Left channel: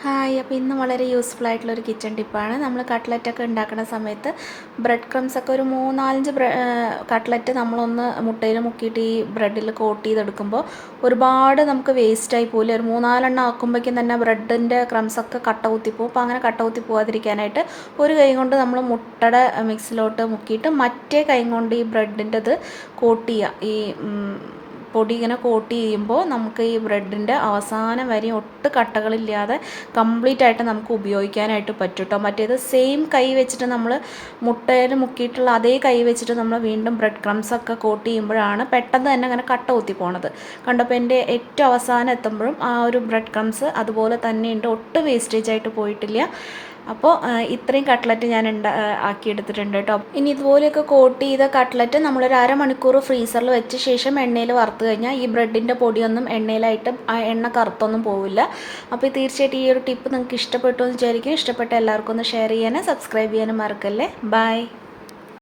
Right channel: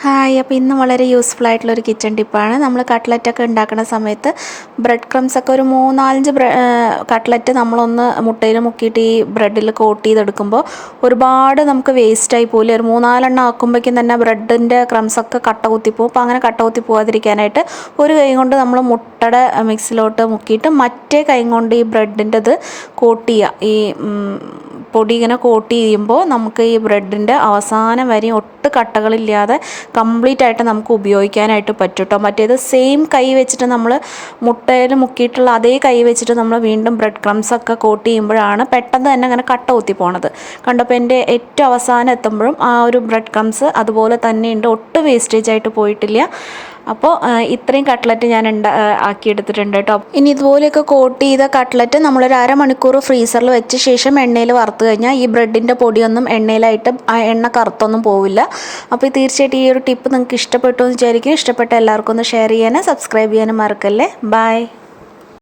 Hi അപ്പോൾ ഇന്ന് വളരെ യൂസ്ഫുൾ ആയിട്ടുള്ള ഒരു കിച്ചൺ ടിപ്പാണ് നമ്മൾ കട്ട്ലറ്റൊക്കെ ഉണ്ടാക്കുന്ന സമയത്ത് ബ്രെഡ് ക്രംസ് ഒക്കെ ഒരു മൂന്നാലഞ്ച് കട്ട്ലറ്റ് നമ്മളൊന്ന് മുട്ടയിൽ മുക്കിയിട്ട് ഈ ബ്രെഡിൽ കോട്ട് ചെയ്തെടുക്കുമ്പോൾ ഒരുപാട് നമുക്ക് വേസ്റ്റായി പോലെ ഒരു മൂന്നാലെണ്ണം ആക്കുമ്പോഴേക്കും തന്നെ ബ്രെഡിന്റെ ക്രംസൊക്കെ കട്ട കുത്തിപ്പോവും അപ്പോൾ അങ്ങനെ കട്ട കുത്തി പോകാതിരിക്കാനായിട്ട് ഒരു കൈ കൊണ്ട് നമ്മൾ മുട്ടയുടെ മിക്സിലോട്ട് മുക്കിയിട്ട് മറ്റേ കൈ കൊണ്ട് ഈ ബ്രെഡിന്റെത് കോട്ട് ചെയ്യുക. ഈ പൊടി ഇങ്ങനെ കോട്ട് ചെയ്യുമ്പോൾ നമുക്ക് ഈ ബ്രെഡിന്റെ അവസാനം വരെ ഒട്ട് കട്ടകളില്ലാതെ കംപ്ലീറ്റ് ആയിട്ട് നമുക്ക് ഉപയോഗിക്കാനായിട്ട് പറ്റും കേട്ടോ മറ്റേത് സെയിം കൈ വെച്ചിട്ട് നമ്മൾ മുട്ടയിൽ മുക്കിയിട്ടുള്ള അതേ കൈ വെച്ചിട്ട് നമ്മൾ വീണ്ടും ബ്രെഡ് ക്രംസ് ഒക്കെ കോട്ട് ചെയ്യുമ്പോഴാണ് പെട്ടെന്ന് തന്നെ അങ്ങനെ കട്ട കുത്തി പോണത്. കണ്ടപ്പോൾ എന്റെ ഏറ്റവും അവസാനം എത്തുമ്പോഴും ആ ഒരു ബ്രെഡ് ക്രംസ് അതുപോലെ തന്നെ ഉണ്ട്. ഒട്ടും വേസ്റ്റേജ് ആയിട്ട് പോയിട്ടില്ല. അപ്പോൾ ഇത്രയും കട്ട്ലറ്റ് ഞാൻ ഉണ്ടാ ആക്കിയെടുത്തിട്ടുണ്ട് കേട്ടോ. ഇനി ഇതുപോലെയൊക്കെ കോട്ട് ചെയ്ത കട്ട്ലറ്റ് നമ്മളൊരു അരമണിക്കൂർ ഫ്രീസറിൽ വെച്ച ശേഷം എണ്ണയിൽ വറുത്ത് കഴിഞ്ഞാൽ ഈ ബ്രെഡിന്റെ പൊടിയൊന്നും എണ്ണയിലായിട്ട് ആ എണ്ണ കറുത്തൊന്നും പോവില്ല. അപ്പോൾ ഈ തീർച്ചയായിട്ടും ഈ ഒരു ടിപ്പ് നിങ്ങൾക്ക് ഇഷ്ടപ്പെട്ടു എന്ന് വിചാരിക്കും ഇഷ്ടപ്പെട്ട എല്ലാവർക്കും ഒന്ന് ഷെയർ ചെയ്യാനും സബ്സ്ക്രൈബ് ചെയ്യാനും മറക്കല്ലേ. ബൈ.